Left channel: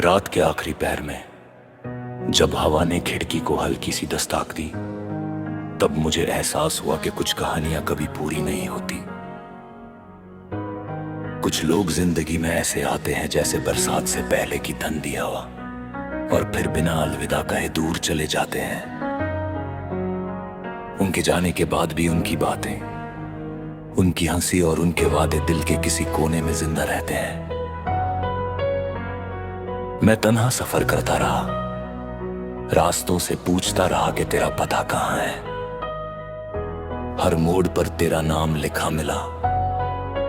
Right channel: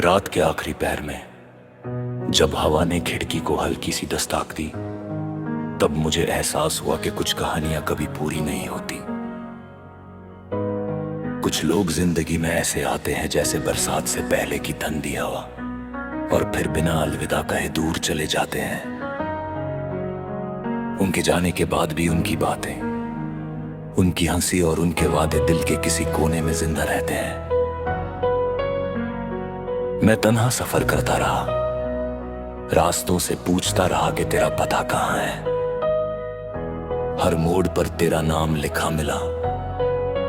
रात के आखिरी पहर में जब हवा ने खिड़की को हल्की सी दस्तक दी, तब मुझे एहसास हुआ कि कुछ कहानियां कभी पूरी नहीं होती। कुछ लोग जिंदगी में ऐसे आते हैं जैसे बरसात से पहले की ठंडी हवा, और फिर बिना अलविदा कहे दूर चले जाते हैं। उनके जाने के बाद भी उनकी बातें, उनकी हंसी और उनके वादे दिल के किसी कोने में जिंदा रहते हैं। मैं तन्हा सफर करता रहा, रास्तों से पूछता रहा कि तेरा पता कहाँ है। हर मोड़ पर तेरा नाम लिखा मिला,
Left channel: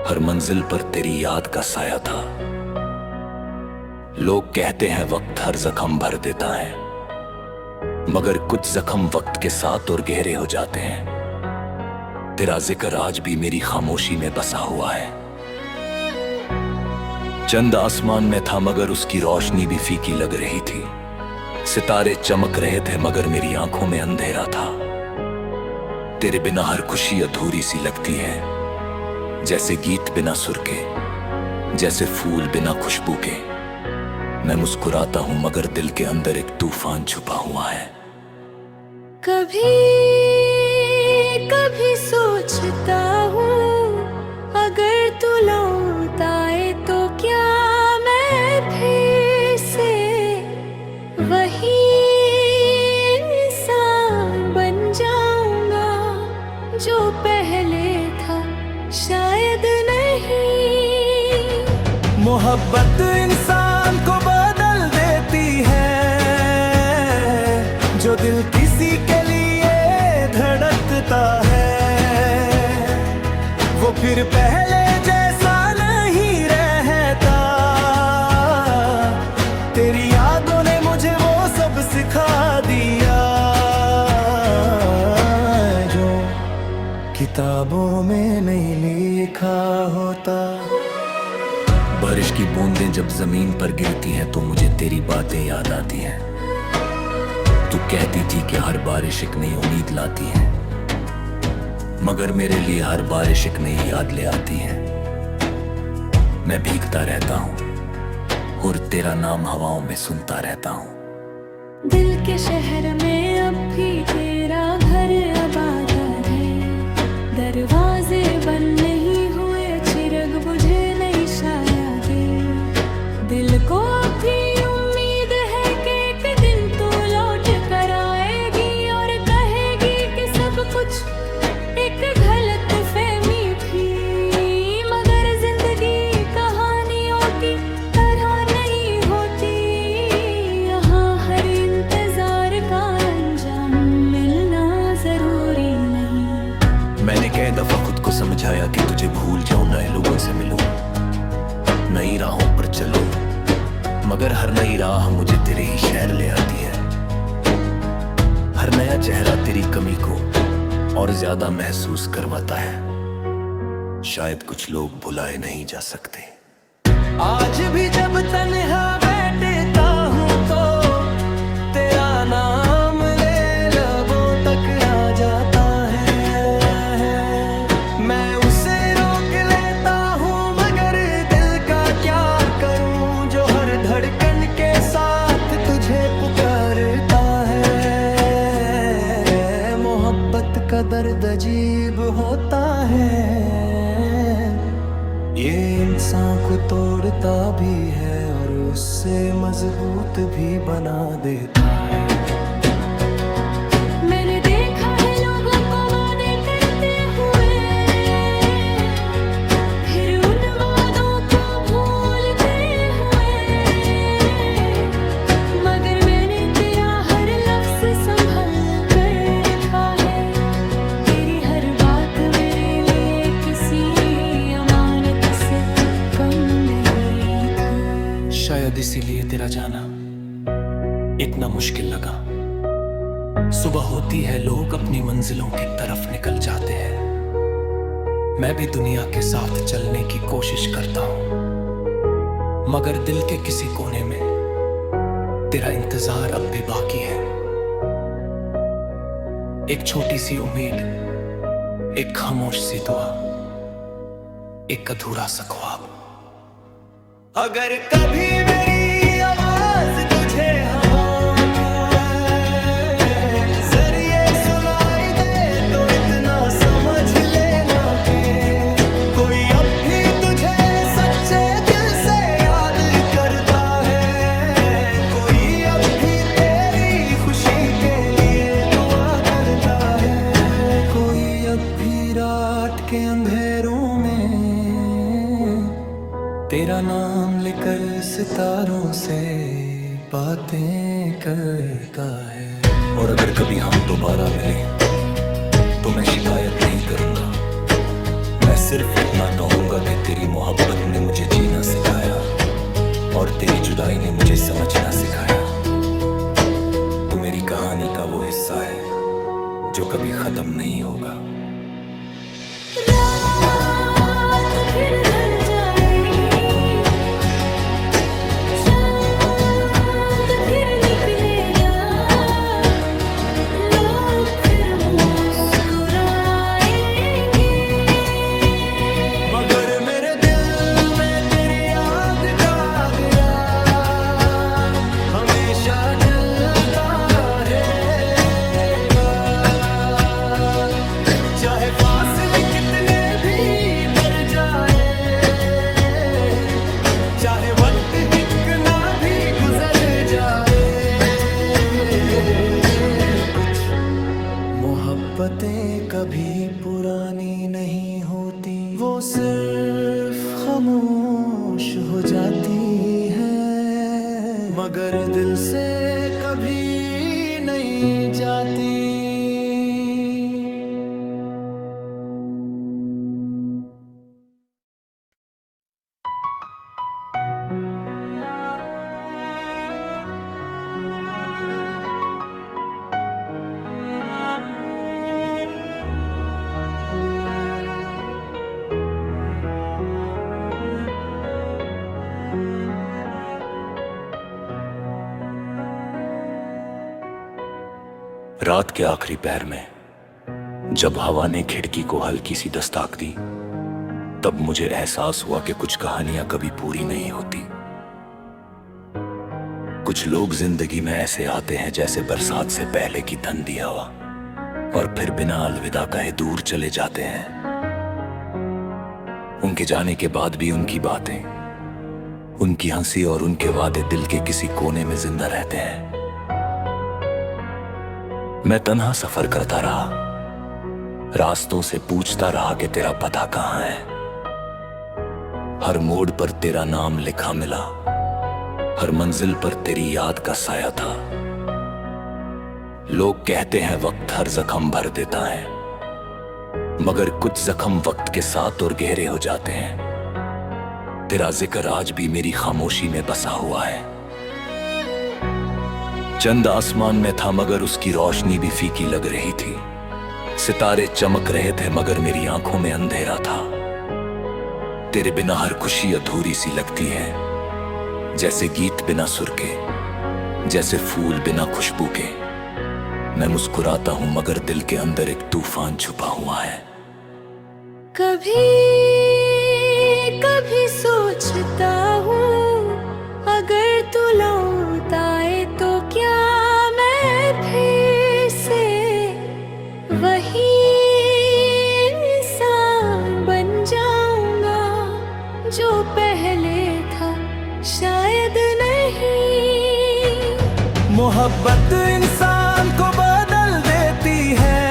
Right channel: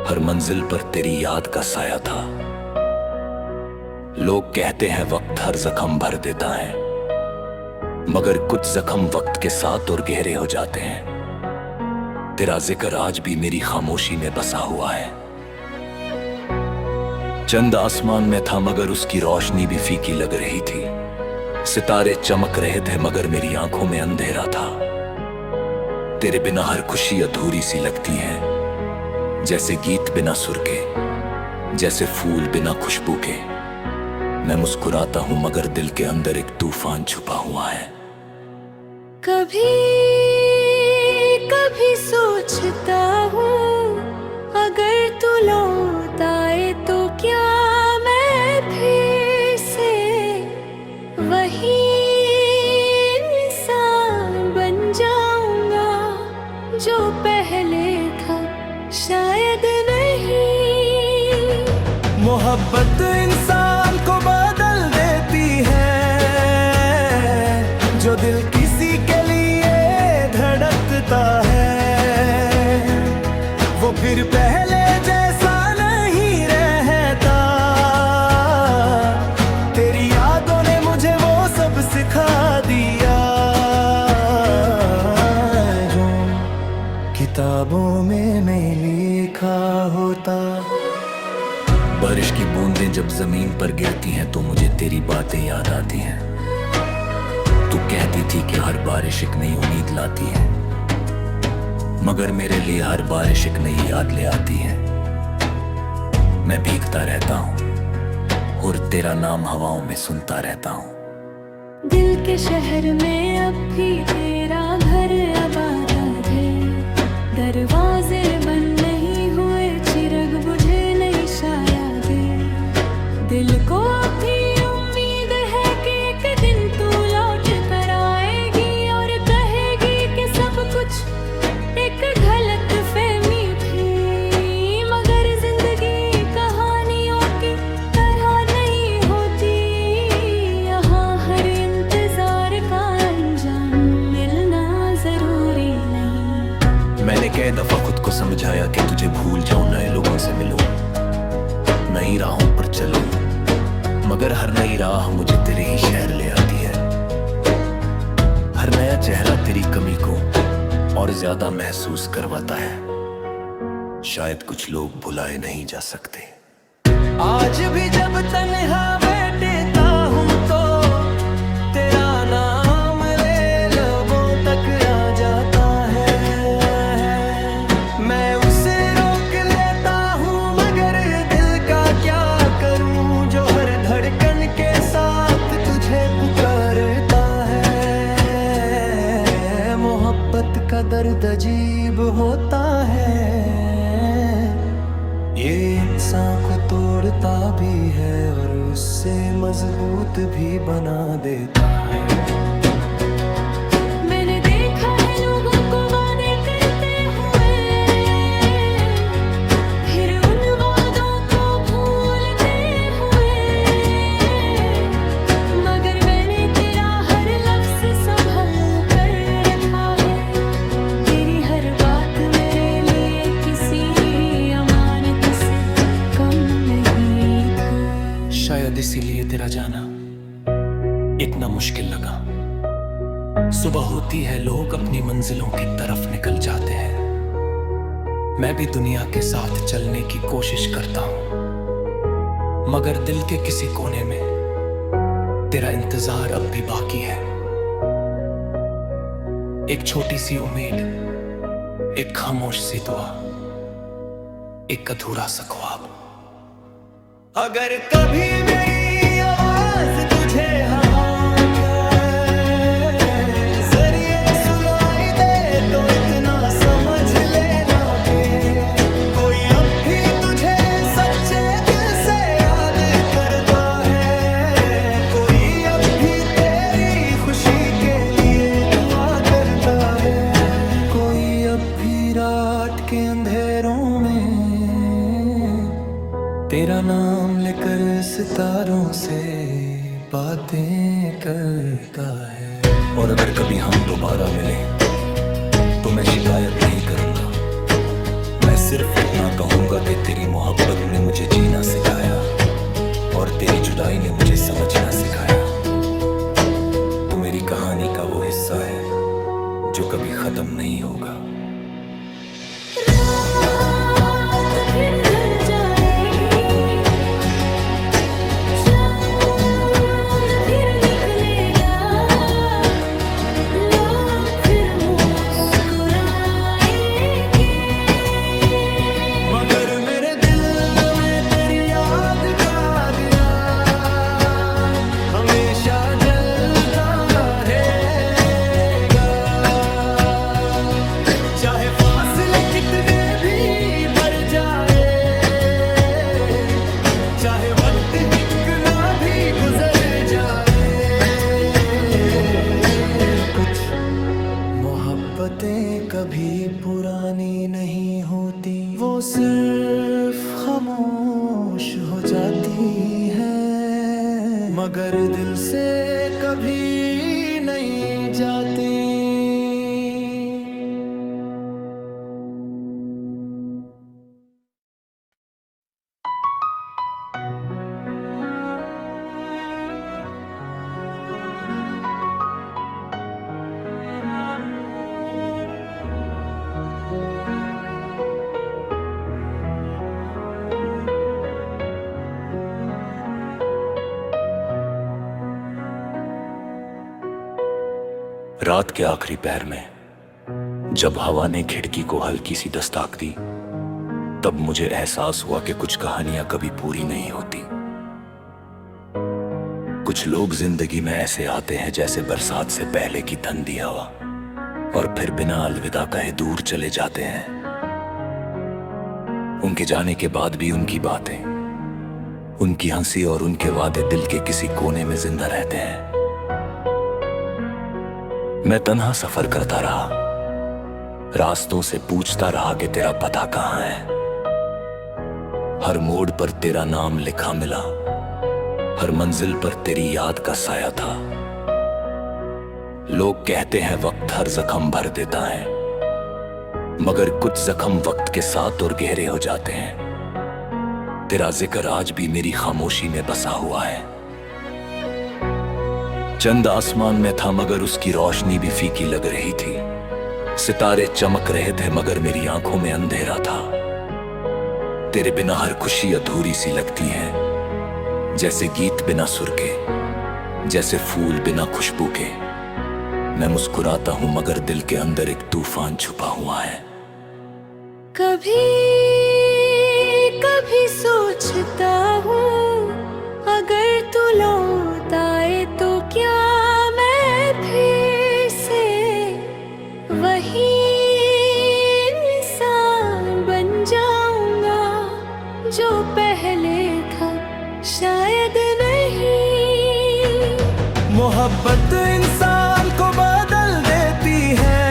हर मंजिल पर तेरी याद का साया था। लोग कहते हैं वक्त हर जख्म भर देता है, मगर कुछ जख्म वक्त के साथ और गहरे हो जाते हैं। तेरा जिक्र आज भी मेरी खामोशी में बसा हुआ है। चंद आसमान में था मगर उसकी रोशनी भी फीकी लग रही थी। सितारे चमक रहे थे मगर मेरी आंखों में अंधेरा था। तेरे बिना हर खुशी अधूरी सी लगती है, जैसे गीत बिना सुर के, जैसे फूल बिना खुशबू के। मैं मुस्कुराता हूं मगर दिल के अंदर एक तूफान छुपा हुआ है। कभी कभी सोचता हूँ, अगर तू लौट आए तो क्या मैं फिर से वही इंसान बन जाऊंगा जो पहले था? शायद नहीं। मोहब्बत इंसान को बदल देती है, जो दिल किसी के लिए धड़कता है वो फिर पहले जैसा नहीं रहता। तेरी यादों ने मुझे वो सब सिखा दिया जो किताबों में नहीं लिखा होता। बारिश की बूंदें जब जमीन पर गिरती हैं तो मुझे तेरी बातें याद आती हैं। तू कहती थी कि हर बारिश एक नई उम्मीद लाती है, मगर मेरे लिए हर बारिश एक नई याद ले आती है। मैं भीगता रहता हूँ और तेरा नाम हवाओं में सुनता रहता हूँ। दिल के शहर में अब भी तेरा घर आबाद है। दरवाजे बंद नहीं हुए, चिराग बुझे नहीं शायद। दिल को अब भी उम्मीद है कि एक दिन तू लौट कर आएगी और कहेगी कि सब कुछ एक गलत फहमी थी। मगर जिंदगी कहानियों की तरह नहीं होती, यहाँ हर इंतजार का अंजाम मिलना जरूरी नहीं। मैंने कई दफा खुद को समझाया कि तुझे भूल जाऊं, नए लोगों से मिलूं, नई राहों पर चलूं, मगर हर नई राह मुझे तेरे ही शहर ले आती है। हर नया चेहरा तेरी कमी को और ज्यादा महसूस करवाता है। शायद कुछ लोग भुलाए नहीं जा सकते। आज भी जब तन्हा बैठता हूँ तो तेरा नाम ले लबों तक आ जाता है। मैं उसे रोक लेता हूँ मगर दिल का क्या करूँ, जो हर धड़कन के साथ तुझे पुकारता है। मोहब्बत का दर्द अजीब होता है, ये इंसान को तोड़ता भी है और उससे मजबूत भी बना देता है। मैंने देखा है लोगों को वादे करते हुए, फिर उन वादों को भूलते हुए। मगर मैंने तेरा हर लफ्ज संभल कर रखा है। तेरी हर बात मेरे लिए किसी अमानत से कम नहीं थी। शायद इसीलिए तेरा जाना इतना मुश्किल लगा। सुबह होती है, लोग अपनी मंजिलों की तरफ निकल जाते हैं। मैं भी दुनिया के साथ चलने की कोशिश करता हूं, मगर दिल के किसी कोने में तेरा इंतजार अब भी बाकी है। एक छोटी सी उम्मीद, एक खामोश सी दुआ, एक अधूरा सा ख्वाब। अगर कभी मेरी आवाज तुझे हवाओं क्या है, जरिए सुनाई दे तो इतना समझ लेना के कोई अब भी तुझे सच्चे दिल से याद करता है, कोई अब भी तेरी खुशी के लिए दुआ करता है, कोई अब भी रात के अंधेरों में तेरा नाम लेकर सितारों से बातें करता है। और अगर कभी हम दोबारा मिले तो मैं शिकायत नहीं करूंगा, मैं सिर्फ इतना कहूंगा कि तेरी मोहब्बत ने मुझे जीना सिखाया और तेरी जुदाई ने मुझे समझना सिखाया। तू मेरी कहानी का वो हिस्सा है जो कभी खत्म नहीं होगा। रात फिर ढल जाएगी, चांद फिर निकलेगा, लोग फिर मुस्कुराएंगे, मगर मेरे दिल में तेरी याद का दिया हमेशा जलता रहेगा, चाहे फासले कितने भी बढ़ जाए, चाहे वक्त हिकना भी गुजर जाए, कुछ मोहब्बतें कभी पुरानी नहीं होती, वो सिर्फ खामोश हो जाती हैं, मगर दिल से कभी नहीं जाती। रात के आखिरी पहर में जब हवा ने खिड़की को हल्की सी दस्तक दी, तब मुझे एहसास हुआ कि कुछ कहानियां कभी पूरी नहीं होती। कुछ लोग जिंदगी में ऐसे आते हैं जैसे बरसात से पहले की ठंडी हवा, और फिर बिना अलविदा कहे दूर चले जाते हैं। उनके जाने के बाद भी उनकी बातें, उनकी हंसी और उनके वादे दिल के किसी कोने में जिंदा रहते हैं। मैं तन्हा सफर करता रहा, रास्तों से पूछता रहा कि तेरा पता कहाँ है। हर मोड़ पर तेरा नाम लिखा मिला, हर मंजिल पर तेरी याद का साया था। लोग कहते हैं वक्त हर जख्म भर देता है, मगर कुछ जख्म वक्त के साथ और गहरे हो जाते हैं। तेरा जिक्र आज भी मेरी खामोशी में बसा हुआ है। चंद आसमान में था मगर उसकी रोशनी भी फीकी लग रही थी। सितारे चमक रहे थे मगर मेरी आंखों में अंधेरा था। तेरे बिना हर खुशी अधूरी सी लगती है, जैसे गीत बिना सुर के, जैसे फूल बिना खुशबू के। मैं मुस्कुराता हूं मगर दिल के अंदर एक तूफान छुपा हुआ है। कभी कभी सोचता हूँ अगर तू लौट आए तो क्या मैं फिर से वही इंसान बन जाऊंगा जो पहले था, शायद नहीं। मोहब्बत इंसान को बदल देती है,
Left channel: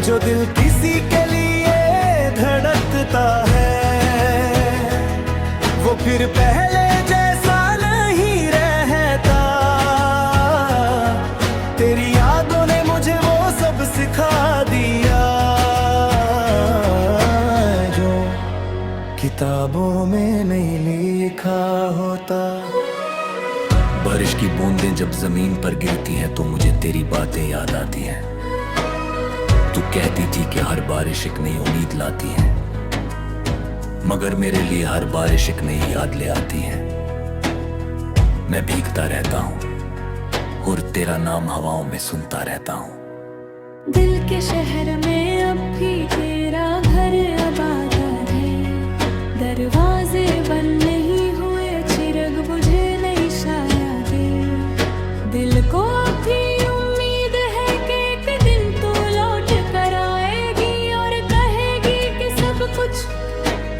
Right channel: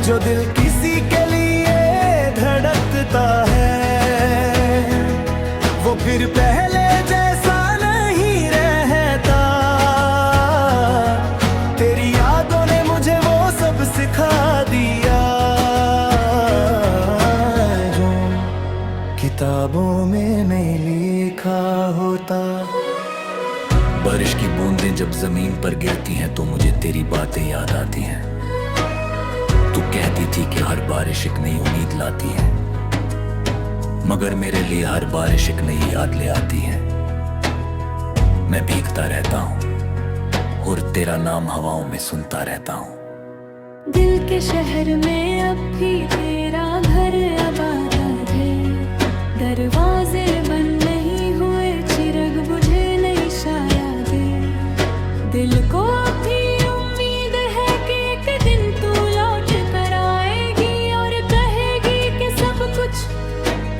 जो दिल किसी के लिए धड़कता है वो फिर पहले जैसा नहीं रहता। तेरी यादों ने मुझे वो सब सिखा दिया जो किताबों में नहीं लिखा होता। बारिश की बूंदें जब जमीन पर गिरती हैं तो मुझे तेरी बातें याद आती हैं। तू कहती थी कि हर बारिश एक नई उम्मीद लाती है, मगर मेरे लिए हर बारिश एक नई याद ले आती है। मैं भीगता रहता हूँ और तेरा नाम हवाओं में सुनता रहता हूँ। दिल के शहर में अब भी तेरा घर आबाद है, दरवाजे बंद नहीं हुए, चिरग बुझे नहीं शायद दिल को अभी उम्मीद है कि एक दिन तू लौट कर आएगी और कहेगी कि सब कुछ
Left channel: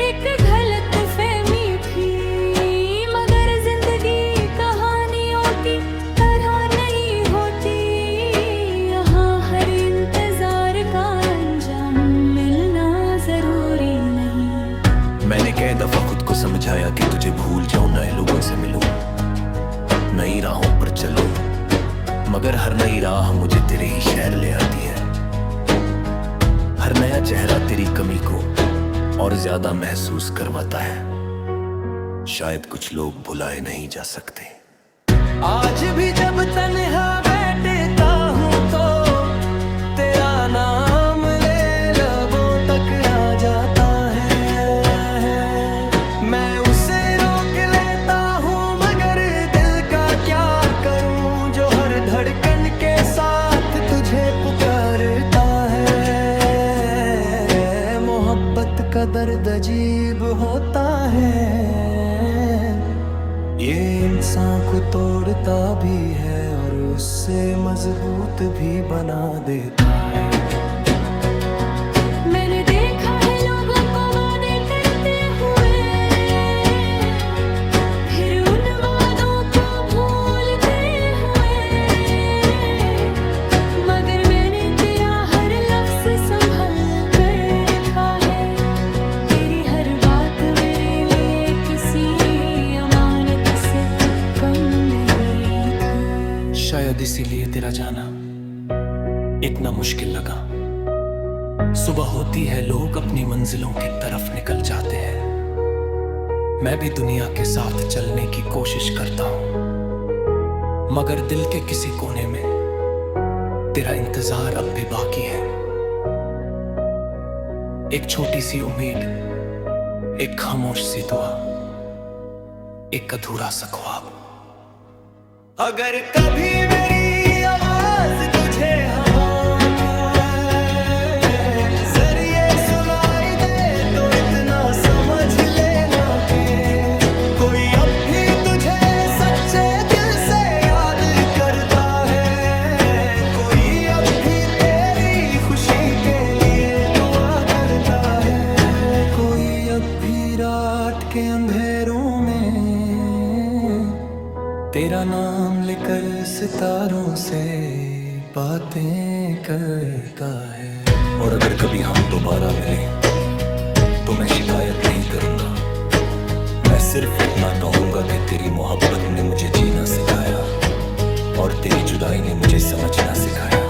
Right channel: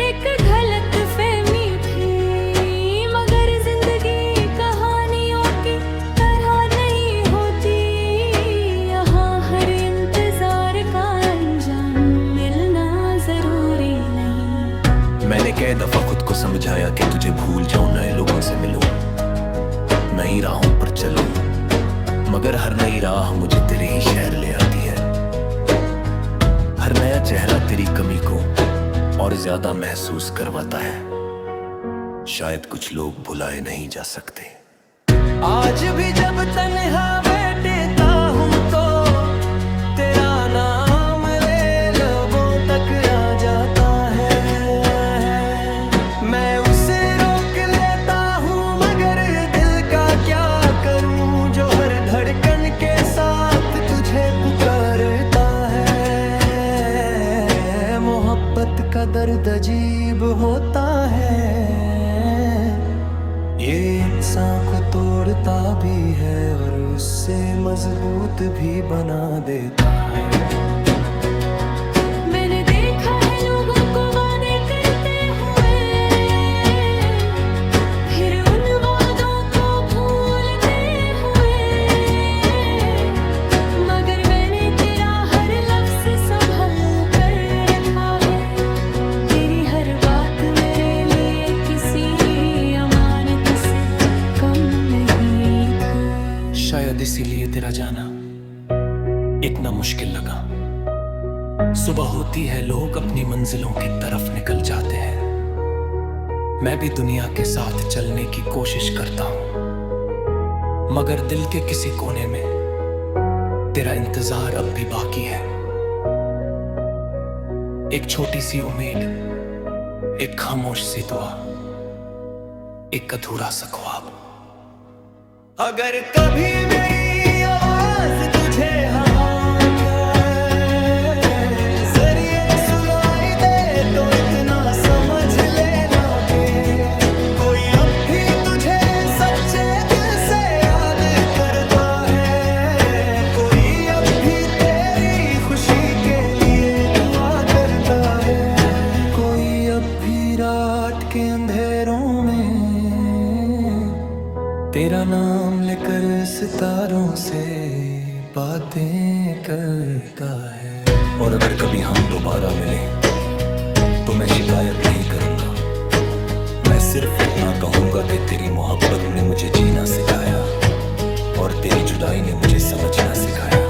एक गलत फहमी थी। मगर जिंदगी कहानियों की तरह नहीं होती, यहाँ हर इंतजार का अंजाम मिलना जरूरी नहीं। मैंने कई दफा खुद को समझाया कि तुझे भूल जाऊं, नए लोगों से मिलूं, नई राहों पर चलूं, मगर हर नई राह मुझे तेरे ही शहर ले आती है। हर नया चेहरा तेरी कमी को और ज्यादा महसूस करवाता है। शायद कुछ लोग भुलाए नहीं जा सकते। आज भी जब तन्हा बैठता हूँ तो तेरा नाम ले लबों तक आ जाता है। मैं उसे रोक लेता हूँ मगर दिल का क्या करूँ, जो हर धड़कन के साथ तुझे पुकारता है। मोहब्बत का दर्द अजीब होता है, ये इंसान को तोड़ता भी है और उससे मजबूत भी बना देता है। मैंने देखा है लोगों को वादे करते हुए, फिर उन वादों को भूलते हुए, मगर मैंने तेरा हर लफ्ज संभल कर रखा है। तेरी हर बात मेरे लिए किसी अमानत से कम नहीं थी। शायद इसीलिए तेरा जाना इतना मुश्किल लगा। सुबह होती है, लोग अपनी मंजिलों की तरफ निकल जाते हैं। मैं भी दुनिया के साथ चलने की कोशिश करता हूं, मगर दिल के किसी कोने में तेरा इंतजार अब भी बाकी है। एक छोटी सी उम्मीद, एक खामोश सी दुआ, एक अधूरा सा ख्वाब। अगर कभी मेरी आवाज तुझे हवाओं क्या जरिए सुनाई दे तो इतना समझ लेना के कोई अब भी तुझे सच्चे दिल से याद करता है। कोई अब भी तेरी खुशी के लिए दुआ करता है। कोई अब भी रात के अंधेरों में तेरा नाम लेकर सितारों से बातें करता है। और अगर कभी हम दोबारा मिले तो मैं शिकायत नहीं करूंगा। मैं सिर्फ इतना कहूंगा कि तेरी मोहब्बत ने मुझे जीना सिखाया और तेरी जुदाई ने मुझे समझना सिखाया।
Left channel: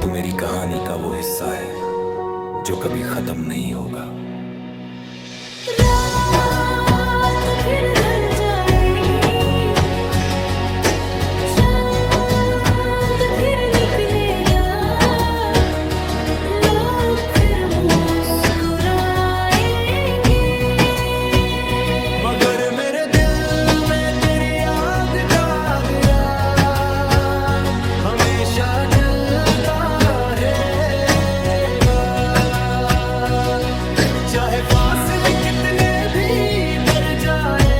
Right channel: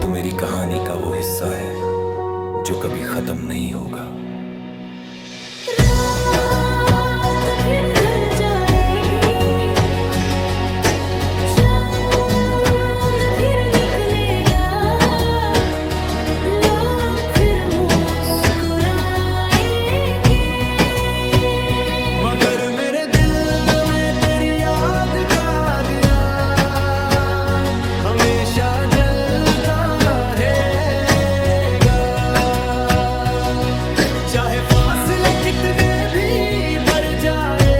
तू मेरी कहानी का वो हिस्सा है जो कभी खत्म नहीं होगा। रात फिर ढल जाएगी, चांद फिर निकलेगा, लोग फिर मुस्कुराएंगे, मगर मेरे दिल में तेरी याद का दिया हमेशा जलता रहेगा। चाहे फासले कितने भी बढ़ जाए,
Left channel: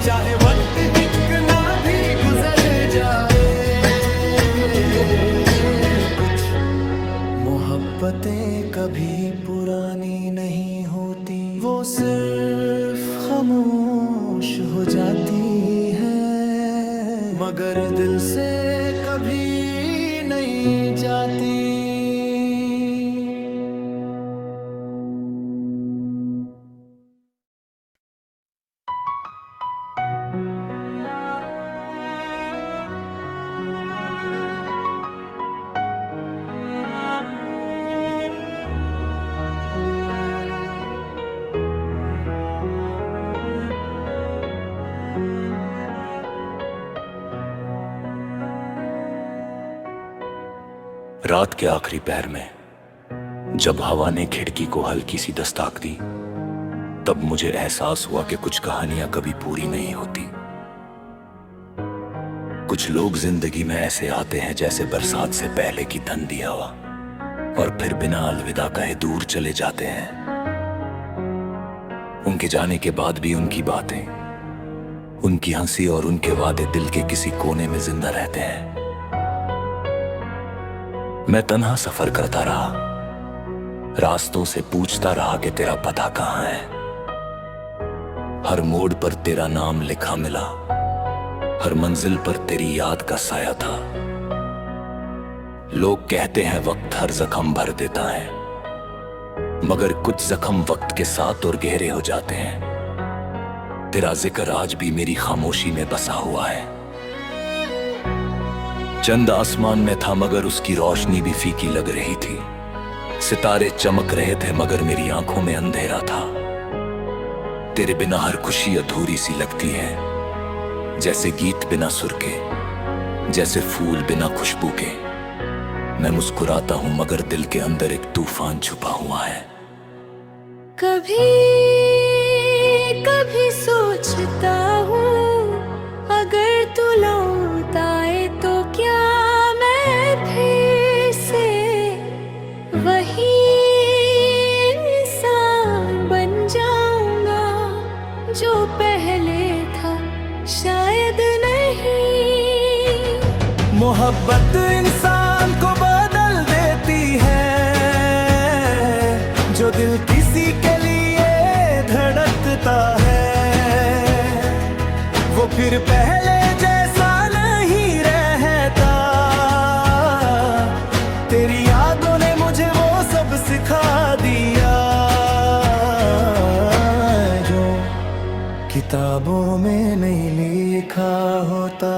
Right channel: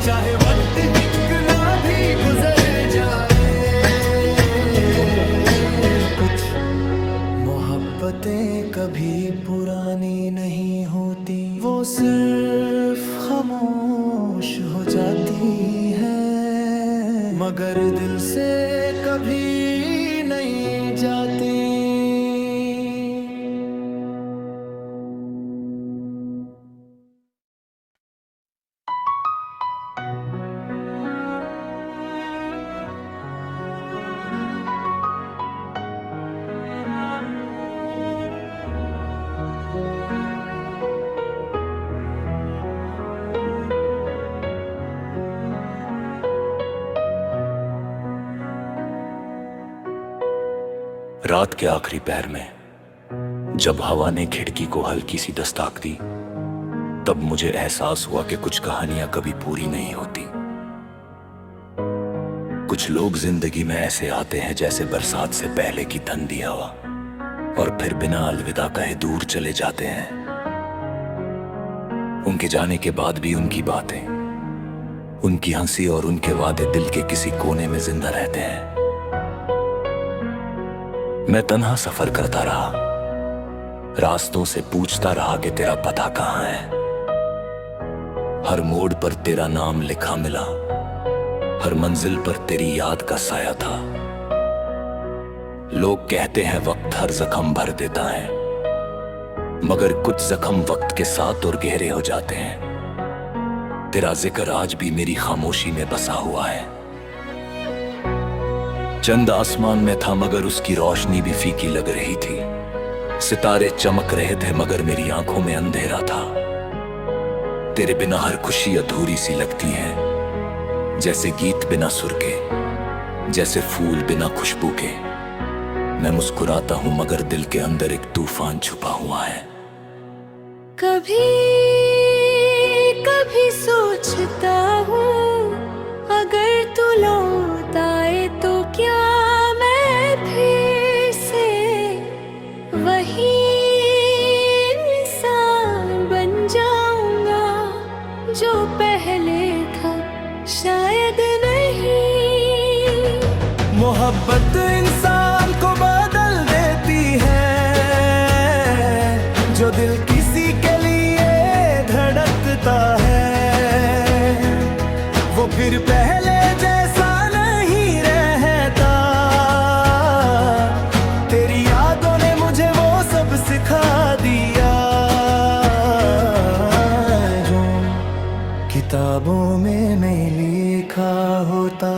चाहे वक्त ही कितना भी गुजर जाए, कुछ मोहब्बतें कभी पुरानी नहीं होती, वो सिर्फ खामोश हो जाती हैं, मगर दिल से कभी नहीं जाती। रात के आखिरी पहर में जब हवा ने खिड़की को हल्की सी दस्तक दी, तब मुझे एहसास हुआ कि कुछ कहानियां कभी पूरी नहीं होती। कुछ लोग जिंदगी में ऐसे आते हैं जैसे बरसात से पहले की ठंडी हवा, और फिर बिना अलविदा कहे दूर चले जाते हैं। उनके जाने के बाद भी उनकी बातें, उनकी हंसी और उनके वादे दिल के किसी कोने में जिंदा रहते हैं। मैं तन्हा सफर करता रहा, रास्तों से पूछता रहा कि तेरा पता कहाँ है। हर मोड़ पर तेरा नाम लिखा मिला, हर मंजिल पर तेरी याद का साया था। लोग कहते हैं वक्त हर जख्म भर देता है, मगर कुछ जख्म वक्त के साथ और गहरे हो जाते हैं। तेरा जिक्र आज भी मेरी खामोशी में बसा हुआ है। चंद आसमान में था मगर उसकी रोशनी भी फीकी लग रही थी। सितारे चमक रहे थे मगर मेरी आंखों में अंधेरा था। तेरे बिना हर खुशी अधूरी सी लगती है, जैसे गीत बिना सुर के, जैसे फूल बिना खुशबू के। मैं मुस्कुराता हूं मगर दिल के अंदर एक तूफान छुपा हुआ है। कभी कभी सोचता हूँ, अगर तू लौट आए तो क्या मैं फिर से वही इंसान बन जाऊंगा जो पहले था? शायद नहीं। मोहब्बत इंसान को बदल देती है, जो दिल किसी के लिए धड़कता है वो फिर पहले जैसा नहीं रहता। तेरी यादों ने मुझे वो सब सिखा दिया जो किताबों में नहीं लिखा होता।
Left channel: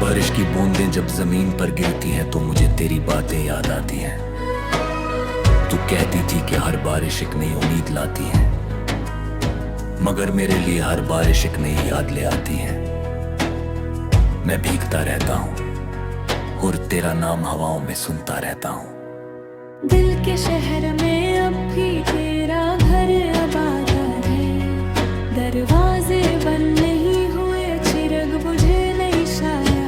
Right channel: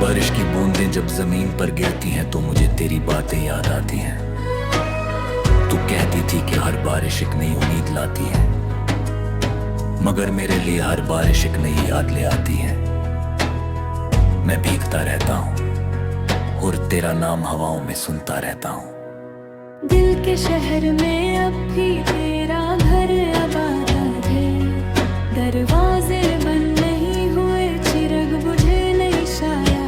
बारिश की बूंदें जब जमीन पर गिरती हैं तो मुझे तेरी बातें याद आती हैं। तू कहती थी कि हर बारिश एक नई उम्मीद लाती है, मगर मेरे लिए हर बारिश एक नई याद ले आती है। मैं भीगता रहता हूँ और तेरा नाम हवाओं में सुनता रहता हूँ। दिल के शहर में अब भी तेरा घर आबाद है। दरवाजे बंद नहीं हुए, चिरग बुझे नहीं शायद।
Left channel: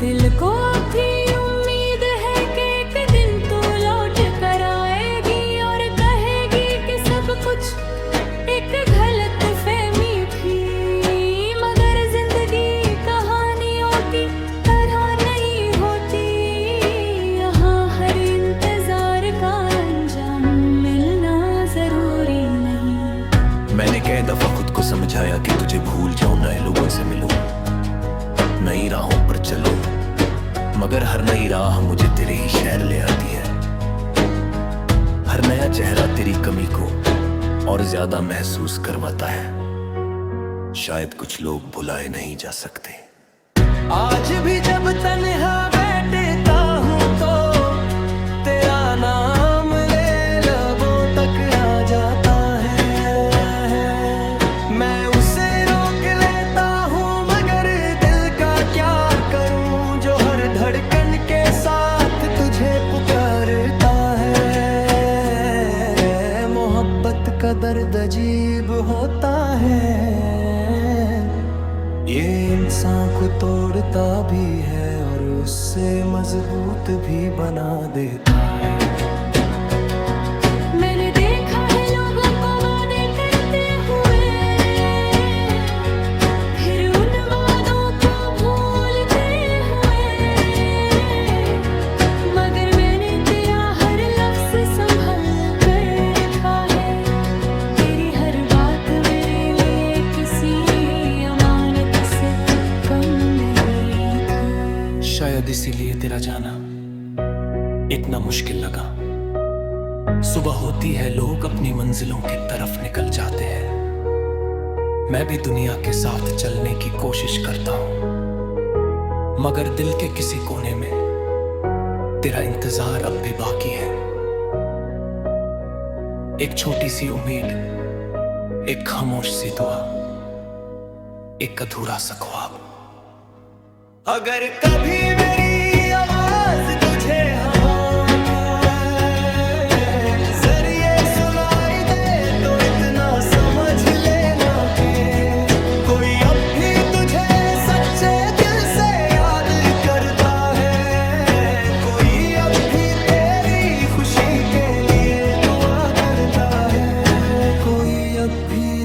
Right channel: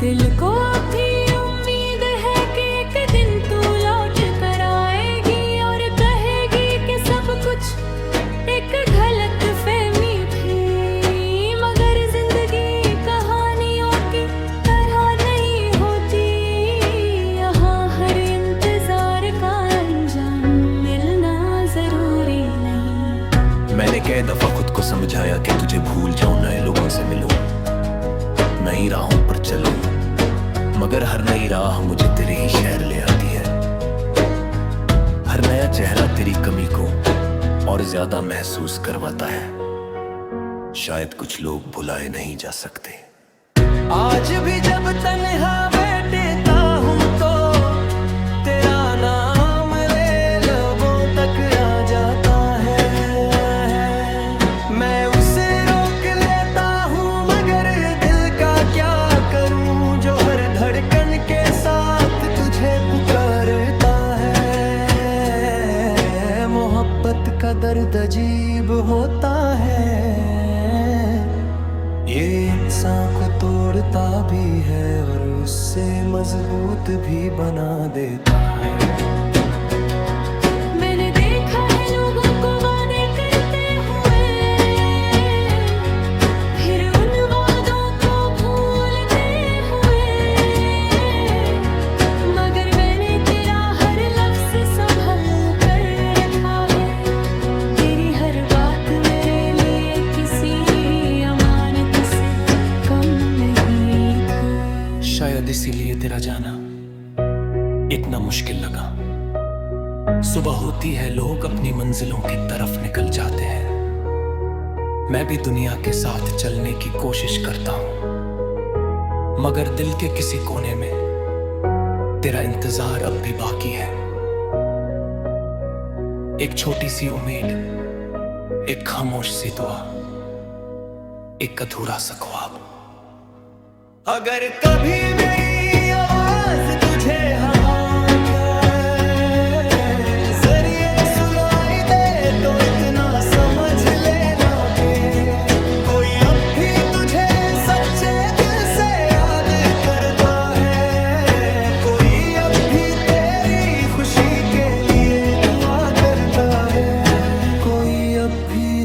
दिल को अब भी उम्मीद है कि एक दिन तू लौट कर आएगी और कहेगी कि सब कुछ एक गलत फहमी थी। मगर जिंदगी कहानियों की तरह नहीं होती, यहाँ हर इंतजार का अंजाम मिलना जरूरी नहीं। मैंने कई दफा खुद को समझाया कि तुझे भूल जाऊं, नए लोगों से मिलूं, नई राहों पर चलूं, मगर हर नई राह मुझे तेरे ही शहर ले आती है। हर नया चेहरा तेरी कमी को और ज्यादा महसूस करवाता है। शायद कुछ लोग भुलाए नहीं जा सकते। आज भी जब तन्हा बैठता हूँ तो तेरा नाम ले लबों तक आ जाता है। मैं उसे रोक लेता हूँ मगर दिल का क्या करूँ, जो हर धड़कन के साथ तुझे पुकारता है। मोहब्बत का दर्द अजीब होता है, ये इंसान को तोड़ता भी है और उससे मजबूत भी बना देता है। मैंने देखा है लोगों को वादे करते हुए, फिर उन वादों को भूलते हुए। मगर मैंने तेरा हर लफ्ज संभल कर रखा है। तेरी हर बात मेरे लिए किसी अमानत से कम नहीं थी। शायद इसीलिए तेरा जाना इतना मुश्किल लगा। सुबह होती है, लोग अपनी मंजिलों की तरफ निकल जाते हैं। मैं भी दुनिया के साथ चलने की कोशिश करता हूं, मगर दिल के किसी कोने में तेरा इंतजार अब भी बाकी है। एक छोटी सी उम्मीद, एक खामोश सी दुआ, एक अधूरा सा ख्वाब। अगर कभी मेरी आवाज तुझे हवाओं का जरिए सुनाई दे तो इतना समझ लेना के कोई अब भी तुझे सच्चे दिल से याद करता है। कोई अब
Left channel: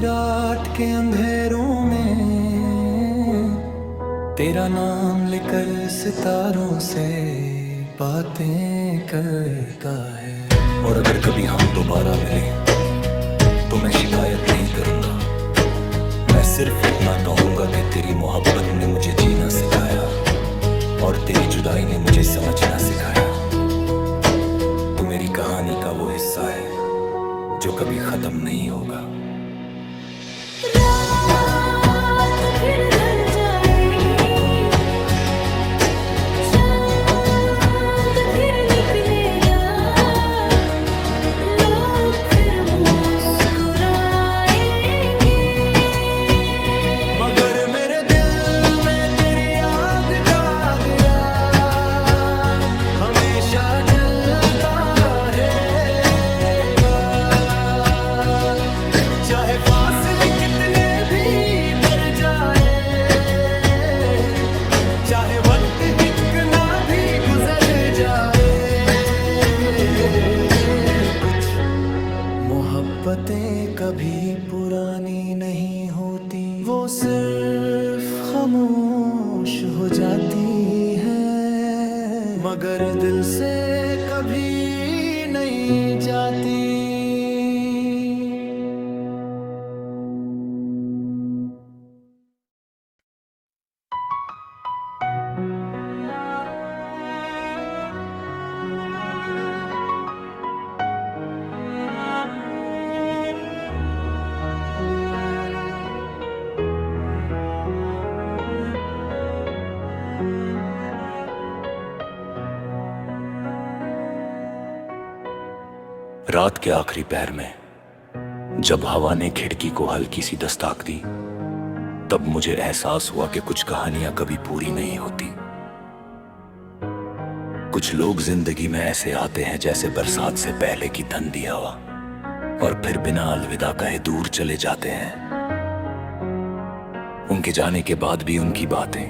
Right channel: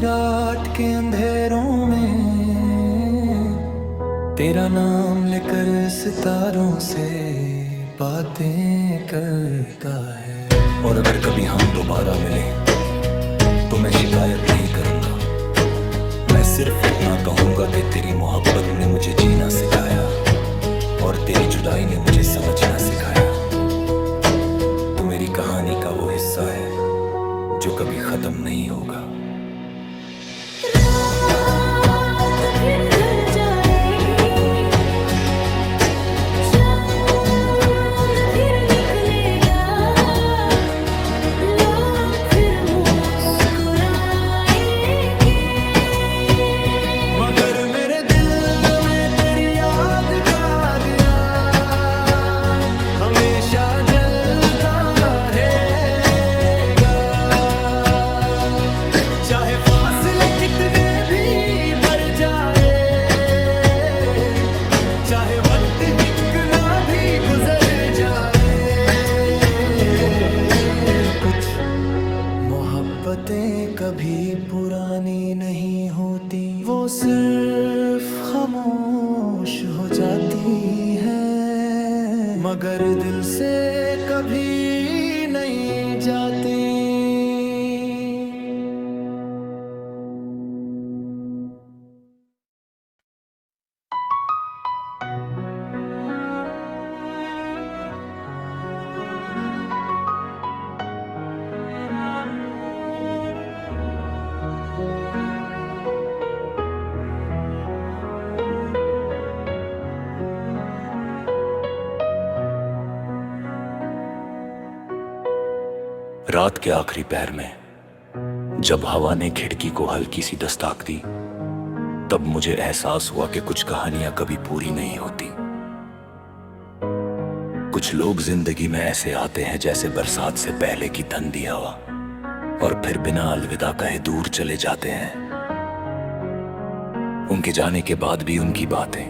रात के अंधेरों में तेरा नाम लेकर सितारों से बातें करता है। और अगर कभी हम दोबारा मिले तो मैं शिकायत नहीं करूंगा, मैं सिर्फ इतना कहूंगा कि तेरी मोहब्बत ने मुझे जीना सिखाया और तेरी जुदाई ने मुझे समझना सिखाया। तू मेरी कहानी का वो हिस्सा है जो कभी खत्म नहीं होगा। रात फिर ढल जाएगी, चांद फिर निकलेगा, लोग फिर मुस्कुराएंगे, मगर मेरे दिल में तेरी याद का दिया हमेशा जलता रहेगा। चाहे फासले कितने भी बढ़ जाए, चाहे वक्त ही कितना भी गुजर जाए, कुछ मोहब्बतें कभी पुरानी नहीं होती, वो सिर्फ खामोश हो जाती हैं, मगर दिल से कभी नहीं जाती। रात के आखिरी पहर में जब हवा ने खिड़की को हल्की सी दस्तक दी, तब मुझे एहसास हुआ कि कुछ कहानियां कभी पूरी नहीं होती। कुछ लोग जिंदगी में ऐसे आते हैं जैसे बरसात से पहले की ठंडी हवा, और फिर बिना अलविदा कहे दूर चले जाते हैं। उनके जाने के बाद भी उनकी बातें,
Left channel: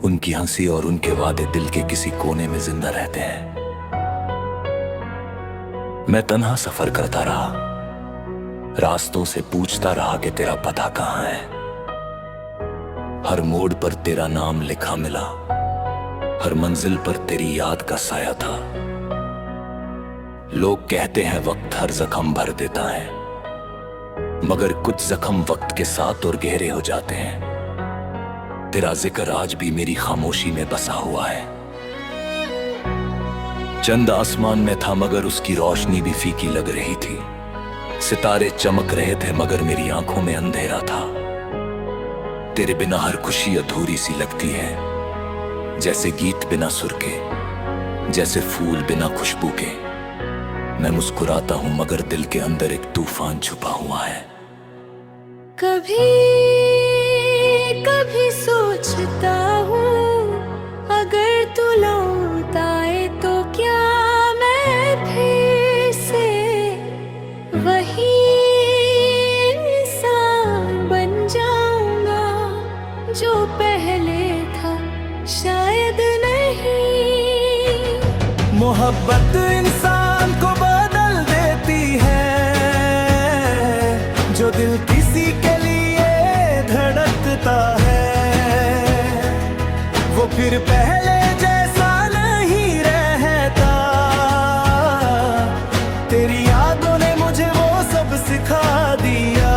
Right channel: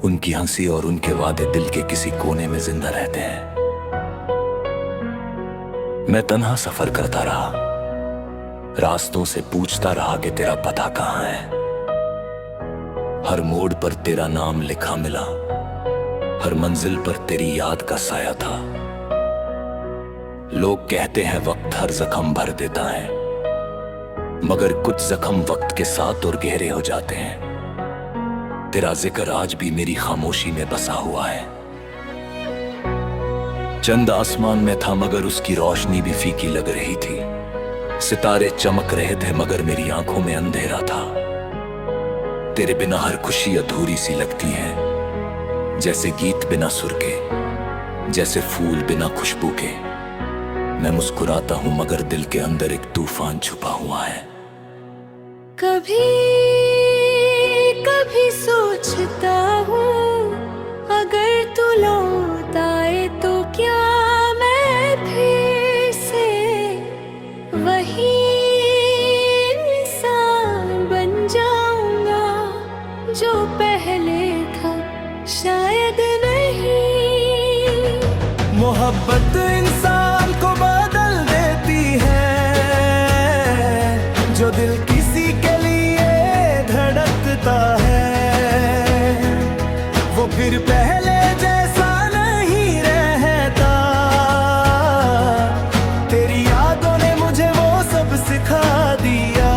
उनकी हंसी और उनके वादे दिल के किसी कोने में जिंदा रहते हैं। मैं तन्हा सफर करता रहा, रास्तों से पूछता रहा कि तेरा पता कहाँ है। हर मोड़ पर तेरा नाम लिखा मिला, हर मंजिल पर तेरी याद का साया था। लोग कहते हैं वक्त हर जख्म भर देता है, मगर कुछ जख्म वक्त के साथ और गहरे हो जाते हैं। तेरा जिक्र आज भी मेरी खामोशी में बसा हुआ है। चंद आसमान में था मगर उसकी रोशनी भी फीकी लग रही थी। सितारे चमक रहे थे मगर मेरी आंखों में अंधेरा था। तेरे बिना हर खुशी अधूरी सी लगती है, जैसे गीत बिना सुर के, जैसे फूल बिना खुशबू के। मैं मुस्कुराता हूं मगर दिल के अंदर एक तूफान छुपा हुआ है। कभी कभी सोचता हूँ अगर तू लौट आए तो क्या मैं फिर से वही इंसान बन जाऊंगा जो पहले था, शायद नहीं। मोहब्बत इंसान को बदल देती है, जो दिल किसी के लिए धड़कता है वो फिर पहले जैसा नहीं रहता। तेरी यादों ने मुझे वो सब सिखा दिया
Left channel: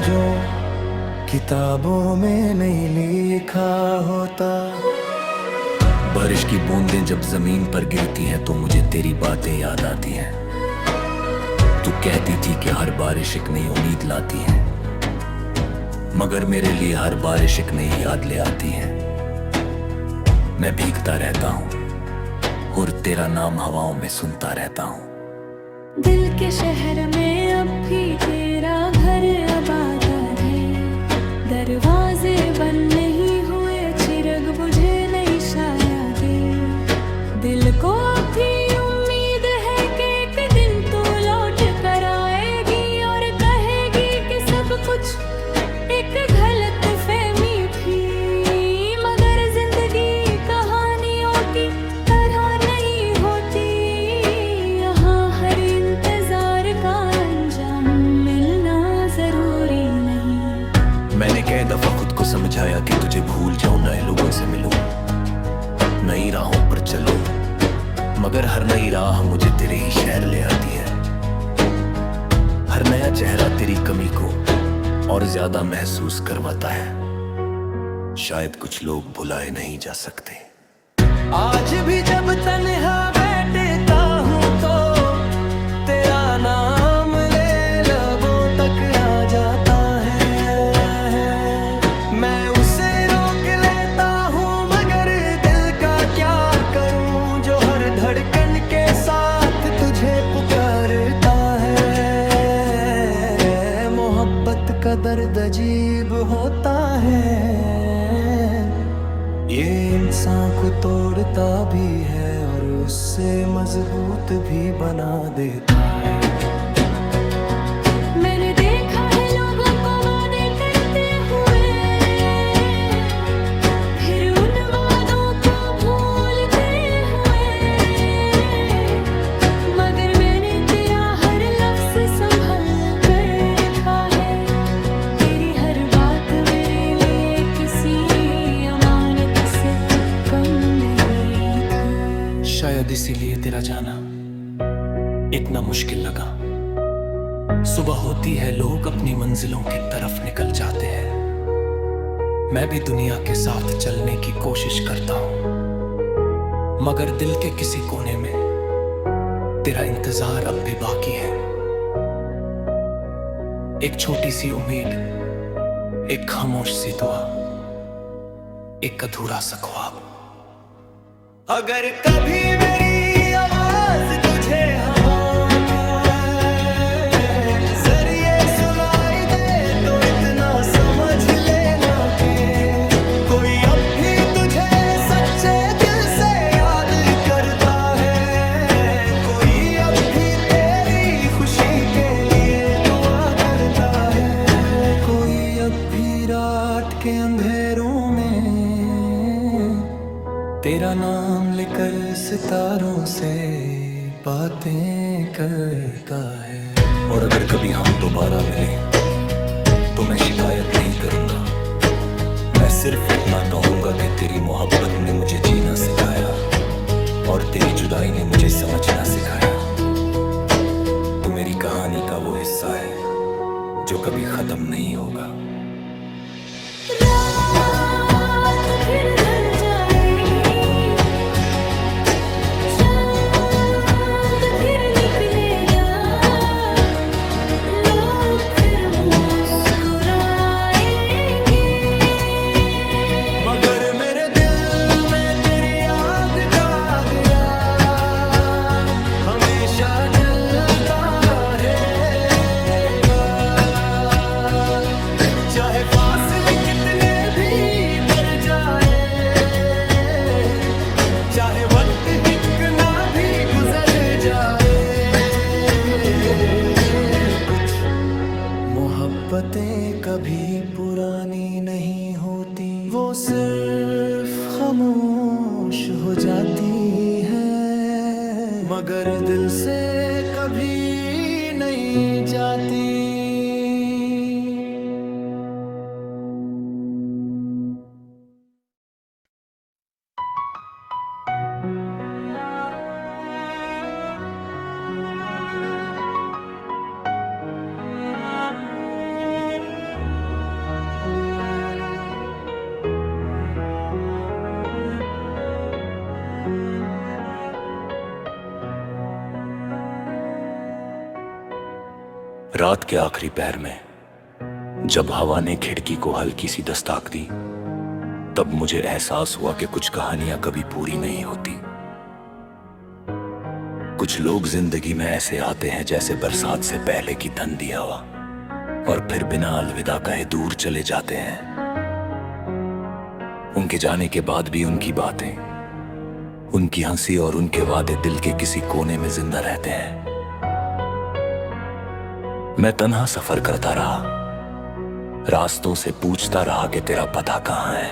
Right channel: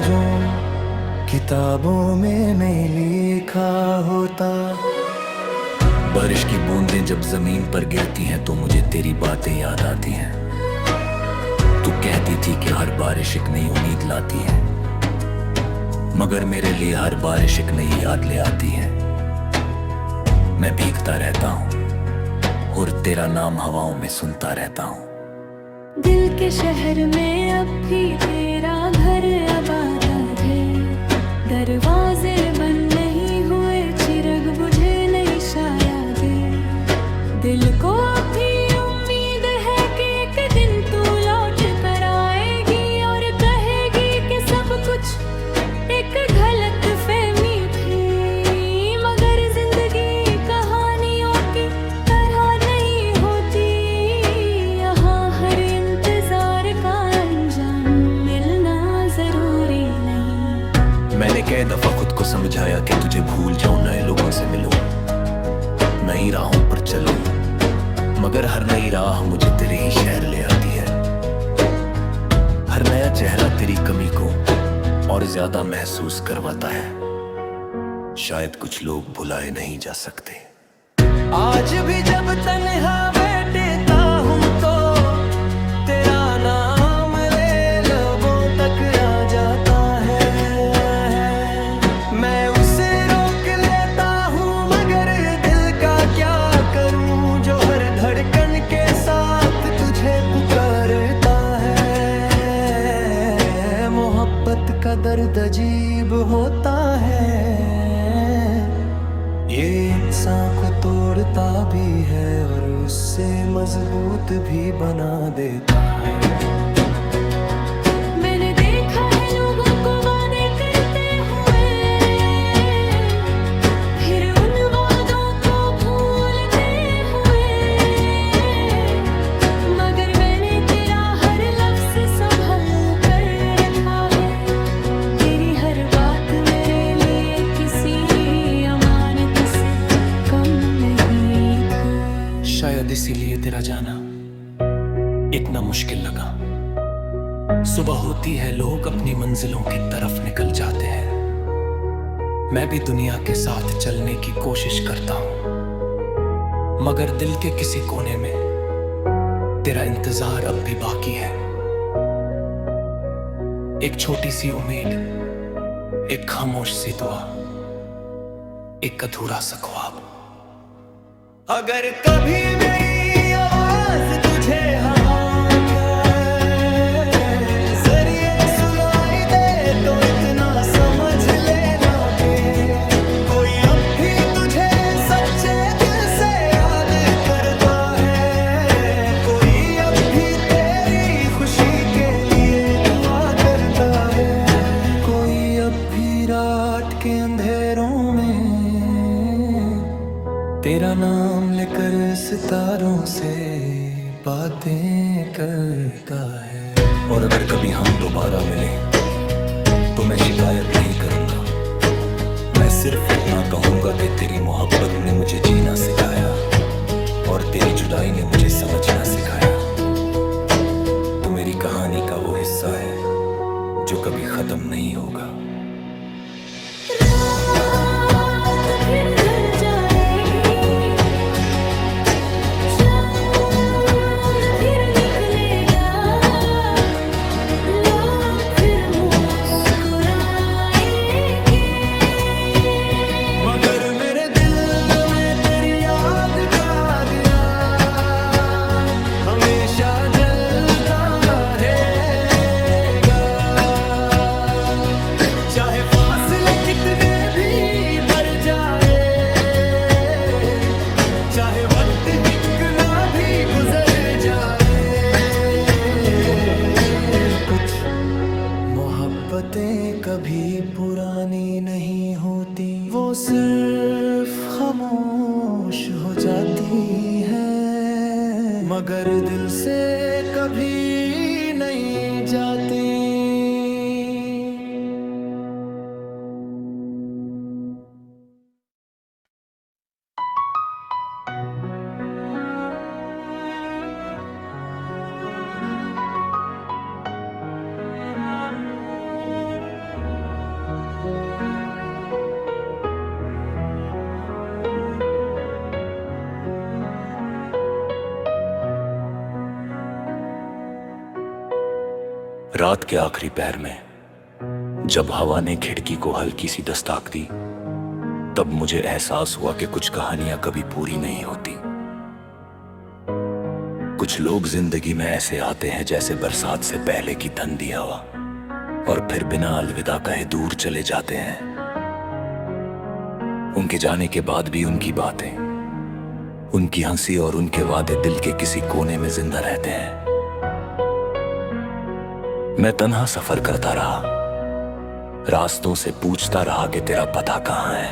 जो किताबों में नहीं लिखा होता। बारिश की बूंदें जब जमीन पर गिरती हैं तो मुझे तेरी बातें याद आती हैं। तू कहती थी कि हर बारिश एक नई उम्मीद लाती है, मगर मेरे लिए हर बारिश एक नई याद ले आती है। मैं भीगता रहता हूँ और तेरा नाम हवाओं में सुनता रहता हूँ। दिल के शहर में अब भी तेरा घर आबाद है, दरवाजे बंद नहीं हुए, चिरग बुझे नहीं शायद। दिल को अभी उम्मीद है कि एक दिन तू लौट कर आएगी और कहेगी कि सब कुछ एक गलत फहमी थी, मगर जिंदगी कहानियों की तरह नहीं होती। यहाँ हर इंतजार का मैंने कई दफा खुद को समझाया कि तुझे भूल जाऊं, नए लोगों से मिलूं, नई राहों पर चलूं, मगर हर नई राह मुझे तेरे ही शहर ले आती है। हर नया चेहरा तेरी कमी को और ज्यादा महसूस करवाता है। शायद कुछ लोग भुलाए नहीं जा सकते। आज भी जब तन्हा बैठता हूँ तो तेरा नाम ले लबों तक आ जाता है। मैं उसे रोक लेता हूँ मगर दिल का क्या करूँ, जो हर धड़कन के साथ तुझे पुकारता है। मोहब्बत का दर्द अजीब होता है, ये इंसान को तोड़ता भी है और उससे मजबूत भी बना देता है। मैंने देखा है लोगों को वादे करते हुए, फिर उन वादों को भूलते हुए, मगर मैंने तेरा हर लफ्ज संभल कर रखा है। तेरी हर बात मेरे लिए किसी अमानत से कम नहीं थी। शायद इसीलिए तेरा जाना इतना मुश्किल लगा। सुबह होती है, लोग अपनी मंजिलों की तरफ निकल जाते हैं। मैं भी दुनिया के साथ चलने की कोशिश करता हूं, मगर दिल के किसी कोने में तेरा इंतजार अब भी बाकी है। एक छोटी सी उम्मीद, एक खामोश सी दुआ, एक अधूरा सा ख्वाब। अगर कभी मेरी आवाज तुझे हवा क्या जरिए सुनाई दे तो इतना समझ लेना के कोई अब भी तुझे सच्चे दिल से याद करता है। कोई अब भी तेरी खुशी के लिए दुआ करता है। कोई अब भी रात के अंधेरों में तेरा नाम लेकर सितारों से बातें करता है। और अगर कभी हम दोबारा मिले तो मैं शिकायत नहीं करूंगा, मैं सिर्फ इतना कहूंगा कि तेरी मोहब्बत ने मुझे जीना सिखाया और तेरी जुदाई ने मुझे समझना सिखाया। तू मेरी कहानी का वो हिस्सा है जो कभी खत्म नहीं होगा। रात फिर ढल जाएगी, चांद फिर निकलेगा, लोग फिर मुस्कुराएंगे, मगर मेरे दिल में तेरी याद का दिया हमेशा जलता रहेगा। चाहे फासले कितने भी बढ़ जाए, चाहे वक्त ही कितना भी गुजर जाए, कुछ मोहब्बतें कभी पुरानी नहीं होती, वो सिर्फ खामोश हो जाती हैं, मगर दिल से कभी नहीं जाती। रात के आखिरी पहर में जब हवा ने खिड़की को हल्की सी दस्तक दी, तब मुझे एहसास हुआ कि कुछ कहानियां कभी पूरी नहीं होती। कुछ लोग जिंदगी में ऐसे आते हैं जैसे बरसात से पहले की ठंडी हवा, और फिर बिना अलविदा कहे दूर चले जाते हैं। उनके जाने के बाद भी उनकी बातें, उनकी हंसी और उनके वादे दिल के किसी कोने में जिंदा रहते हैं। मैं तन्हा सफर करता रहा, रास्तों से पूछता रहा कि तेरा पता कहाँ है।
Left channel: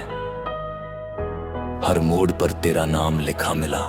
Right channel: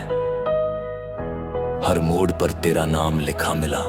हर मोड़ पर तेरा नाम लिखा मिला,